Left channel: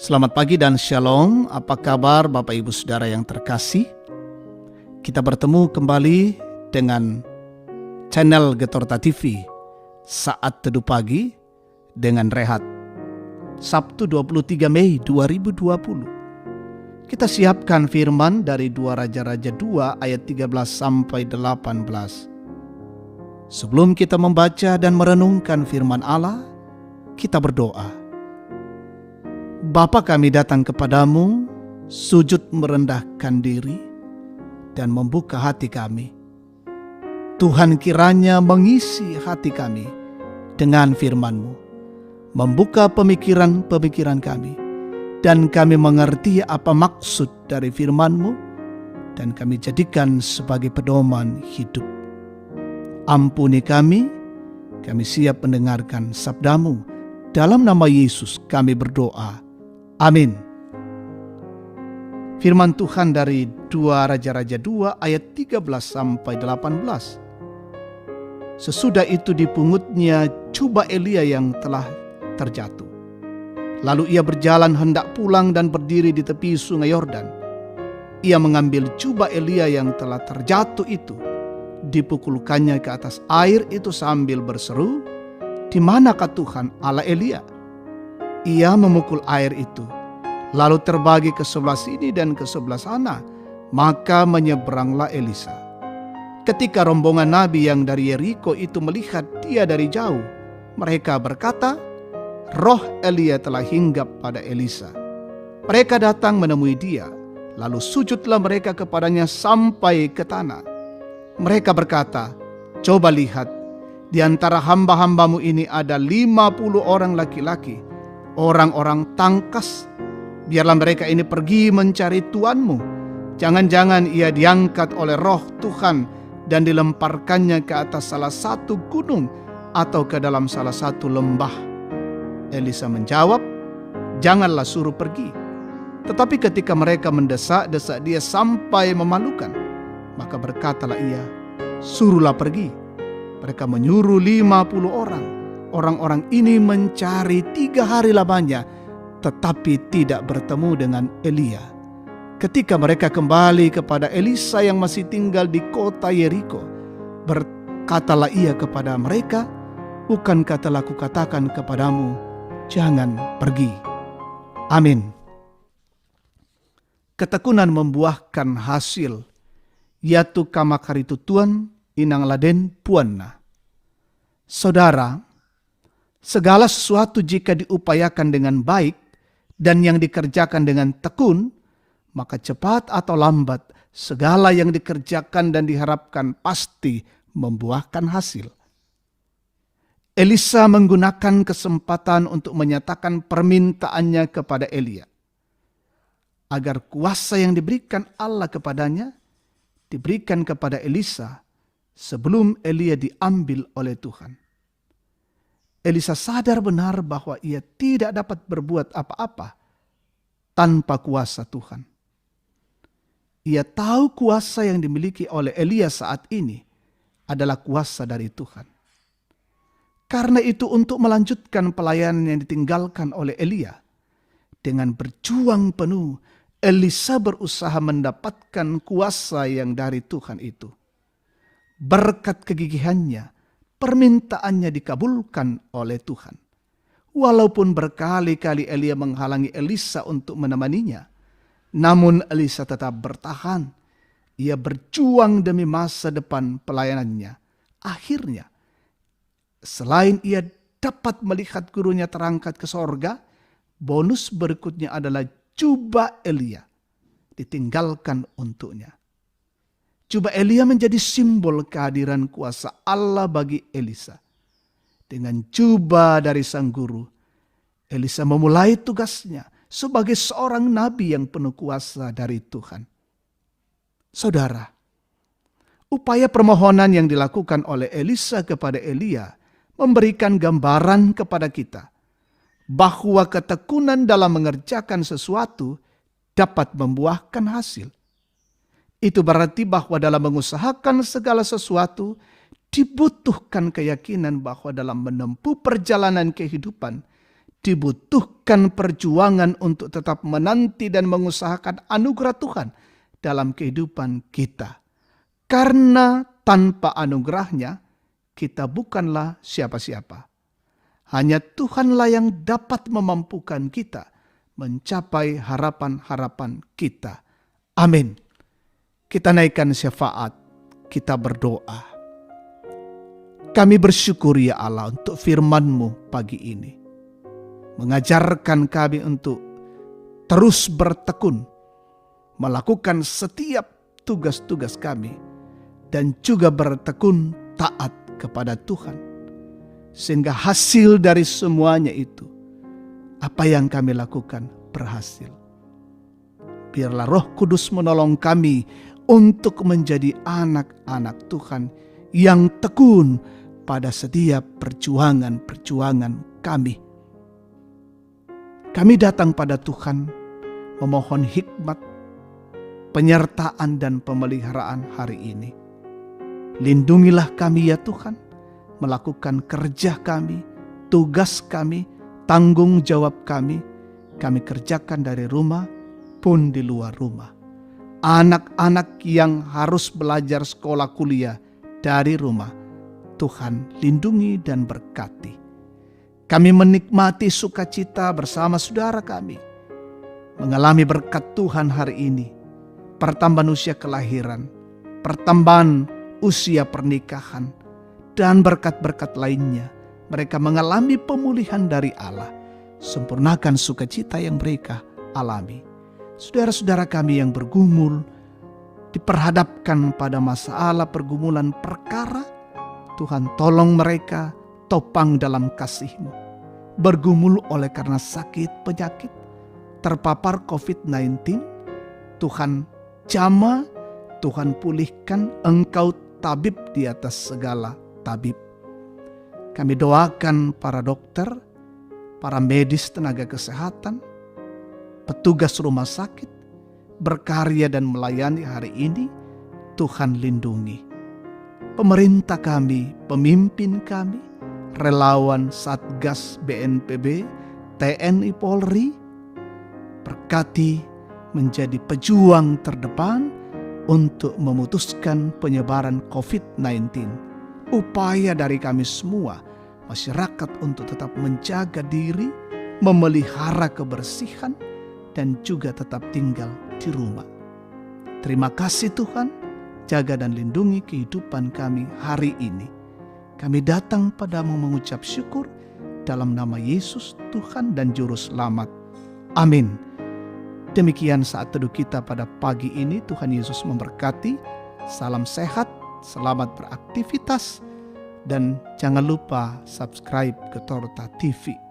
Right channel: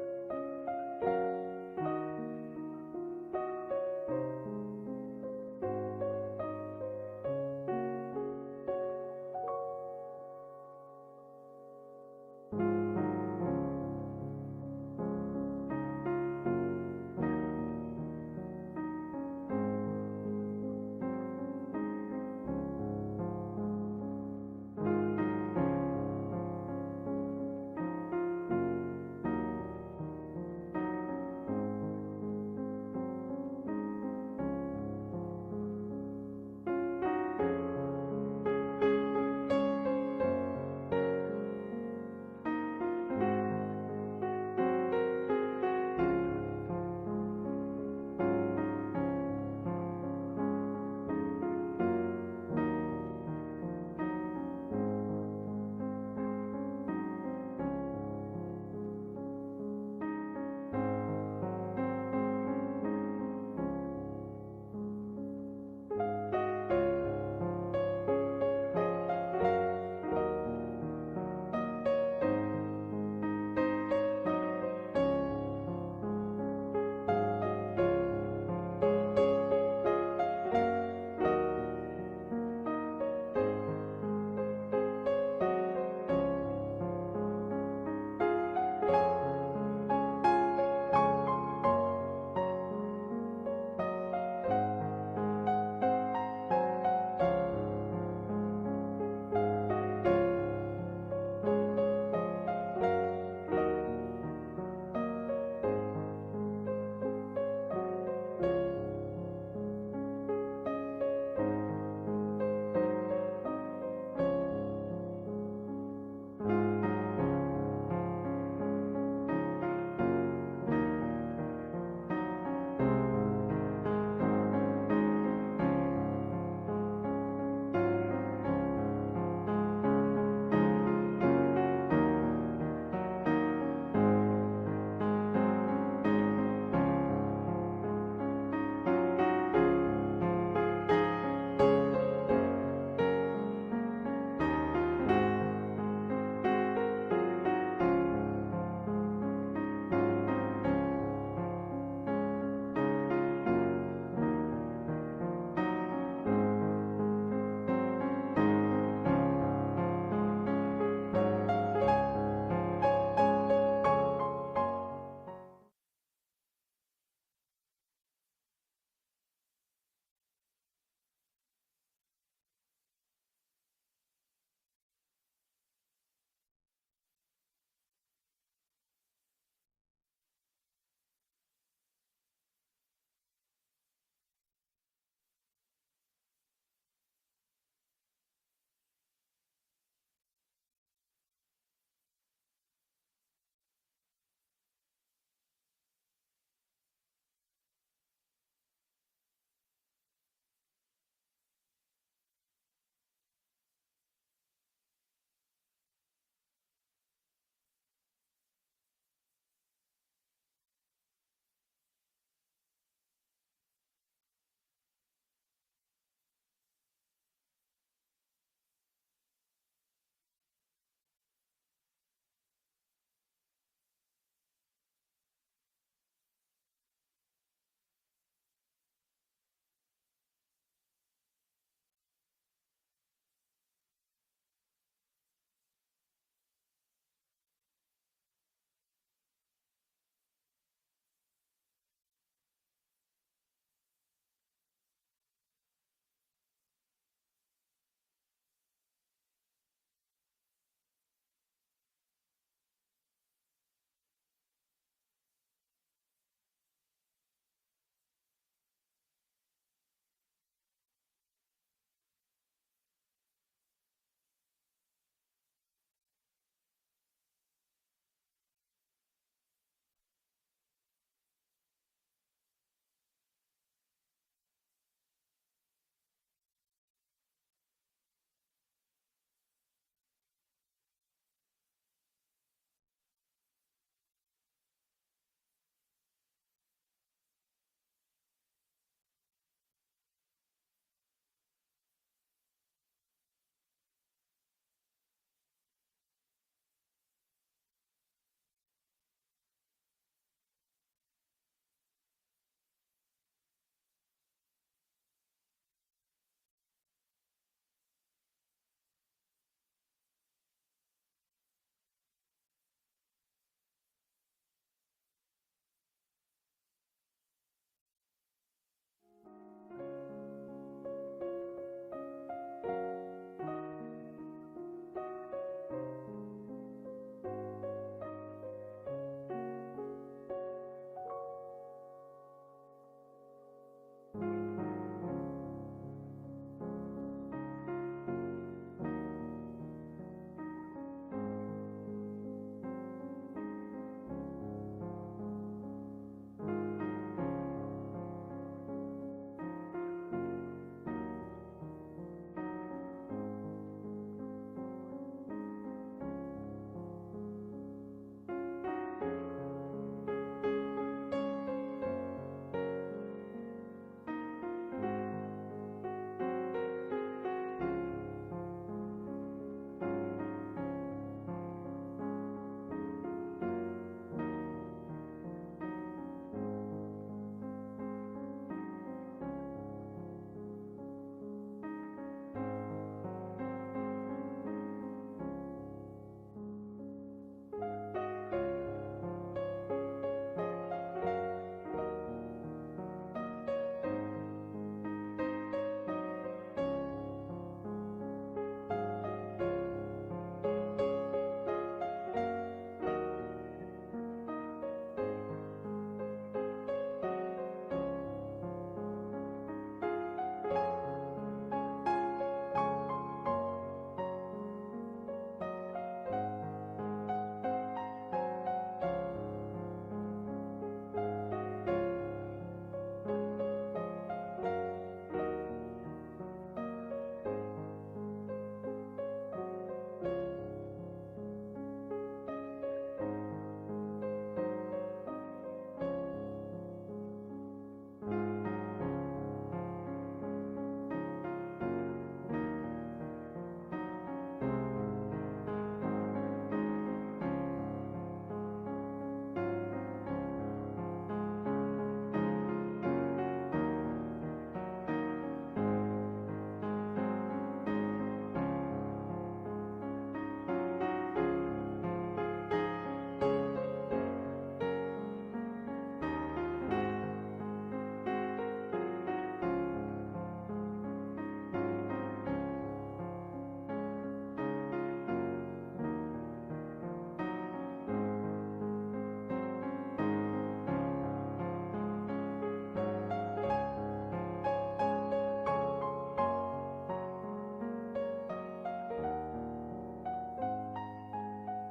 Selamat pagi dan shalom. Apa kabar Bapak Ibu Saudara yang terkasih? Kita bertemu kembali dengan channel Getorta TV Saat Teduh Pagi dengan Rehat. Sabtu 23 Mei 2020. Kita siapkan firman dari 2 Raja-Raja 2 ayat 13 sampai 18. Sebelum kita membaca dan merenungkan firman Allah, kita berdoa. Bapa, kami datang kepadamu, sujud merendahkan diri dan membuka hati kami. Tuhan, kiranya mengisi hati kami dengan firman-Mu, membuka pemikiran-pemikiran kami, dan kami mengerti apa maksud dari firman-Mu, dan kami jadikan sebagai pedoman hidup. Ampuni kami siap mendengarkan sabda-Mu. Dalam nama Yesus kami berdoa. Amin. Firman Tuhan dari 2 Raja-Raja 2 ayat 13 sampai 18. Sesudah itu dipungutnya jubah Elia yang telah terjatuh. Lalu ia berjalan hendak pulang dan berdiri di tepi sungai Yordan. Ia mengambil jubah Elia yang telah terjatuh itu, dipukulkannya ke atas air itu sambil berseru, "Di manakah Tuhan Allah Elia?" Ia memukul air itu, lalu terbagi ke sebelah sini dan ke sebelah sana, maka menyeberanglah Elisa. Ketika rombongan nabi yang dari Yeriko itu melihat dia dari jauh, mereka berkata, "Roh Elia telah hinggap pada Elisa." Mereka datang menemui dia, lalu sujudlah mereka kepadanya sampai ke tanah. Mereka berkata, "Coba lihat, di antara hamba-hambamu ini ada 50 orang laki-laki, orang-orang tangkas. Biarlah mereka ini pergi mencari tuanmu. Jangan-jangan ia diangkat oleh roh Tuhan dan dilemparkannya ke atas salah satu gunung atau ke dalam salah satu lembah." Elisa menjawab, "Janganlah suruh pergi." Tetapi ketika mereka mendesak-desak dia sampai memalukan, maka berkatalah ia, "Suruhlah pergi." Mereka menyuruh 50 orang. Orang-orang ini mencari 3 hari lamanya, tetapi tidak bertemu dengan Elia. Ketika mereka kembali kepada Elisa yang masih tinggal di kota Yeriko, berkatalah ia kepada mereka, "Bukankah telah kukatakan kepadamu, jangan pergi?" Amin. Ketekunan membuahkan hasil, yaitu kamakaritu Tuhan inang laden puanna. Saudara, segala sesuatu jika diupayakan dengan baik dan yang dikerjakan dengan tekun, maka cepat atau lambat segala yang dikerjakan dan diharapkan pasti membuahkan hasil. Elisa menggunakan kesempatan untuk menyatakan permintaannya kepada Elia, agar kuasa yang diberikan Allah kepadanya diberikan kepada Elisa sebelum Elia diambil oleh Tuhan. Elisa sadar benar bahwa ia tidak dapat berbuat apa-apa tanpa kuasa Tuhan. Ia tahu kuasa yang dimiliki oleh Elia saat ini adalah kuasa dari Tuhan. Karena itu untuk melanjutkan pelayanan yang ditinggalkan oleh Elia, dengan berjuang penuh, Elisa berusaha mendapatkan kuasa yang dari Tuhan itu. Berkat kegigihannya, permintaannya dikabulkan oleh Tuhan. Walaupun berkali-kali Elia menghalangi Elisa untuk menemaninya, namun Elisa tetap bertahan. Ia berjuang demi masa depan pelayanannya. Akhirnya, selain ia dapat melihat gurunya terangkat ke sorga, bonus berikutnya adalah jubah Elia ditinggalkan untuknya. Jubah Elia menjadi simbol kehadiran kuasa Allah bagi Elisa. Dengan jubah dari sang guru, Elisa memulai tugasnya sebagai seorang nabi yang penuh kuasa dari Tuhan. Saudara, upaya permohonan yang dilakukan oleh Elisa kepada Elia memberikan gambaran kepada kita bahwa ketekunan dalam mengerjakan sesuatu dapat membuahkan hasil. Itu berarti bahwa dalam mengusahakan segala sesuatu dibutuhkan keyakinan bahwa dalam menempuh perjalanan kehidupan dibutuhkan perjuangan untuk tetap menanti dan mengusahakan anugerah Tuhan dalam kehidupan kita. Karena tanpa anugerahnya, kita bukanlah siapa-siapa. Hanya Tuhanlah yang dapat memampukan kita mencapai harapan-harapan kita. Amin. Kita naikkan syafaat, kita berdoa. Kami bersyukur ya Allah untuk firman-Mu pagi ini. Mengajarkan kami untuk terus bertekun, melakukan setiap tugas-tugas kami, dan juga bertekun taat kepada Tuhan. Sehingga hasil dari semuanya itu, apa yang kami lakukan berhasil. Biarlah Roh Kudus menolong kami untuk menjadi anak-anak Tuhan yang tekun pada setiap perjuangan-perjuangan kami. Kami datang pada Tuhan memohon hikmat, penyertaan dan pemeliharaan hari ini. Lindungilah kami ya Tuhan, melakukan kerja kami, tugas kami, tanggung jawab kami kerjakan dari rumah pun di luar rumah. Anak-anak yang harus belajar sekolah kuliah dari rumah, Tuhan lindungi dan berkati. Kami menikmati sukacita bersama saudara kami, mengalami berkat Tuhan hari ini, pertambahan usia kelahiran, pertambahan usia pernikahan, dan berkat-berkat lainnya. Mereka mengalami pemulihan dari Allah. Sempurnakan sukacita yang mereka alami. Saudara-saudara kami yang bergumul, diperhadapkan pada masalah pergumulan perkara, Tuhan tolong mereka topang dalam kasih-Mu. Bergumul oleh karena sakit penyakit, terpapar COVID-19, Tuhan jamah, Tuhan pulihkan, Engkau tabib di atas segala tabib. Kami doakan para dokter, para medis tenaga kesehatan, petugas rumah sakit, berkarya dan melayani hari ini, Tuhan lindungi. Pemerintah kami, pemimpin kami, relawan Satgas BNPB, TNI Polri, berkati menjadi pejuang terdepan untuk memutuskan penyebaran COVID-19. Upaya dari kami semua, masyarakat untuk tetap menjaga diri, memelihara kebersihan, dan juga tetap tinggal di rumah. Terima kasih Tuhan, jaga dan lindungi kehidupan kami hari ini. Kami datang padamu mengucap syukur dalam nama Yesus Tuhan dan Juru Selamat. Amin. Demikian saat teduh kita pada pagi ini. Tuhan Yesus memberkati. Salam sehat, selamat beraktivitas, dan jangan lupa subscribe ke Torta TV.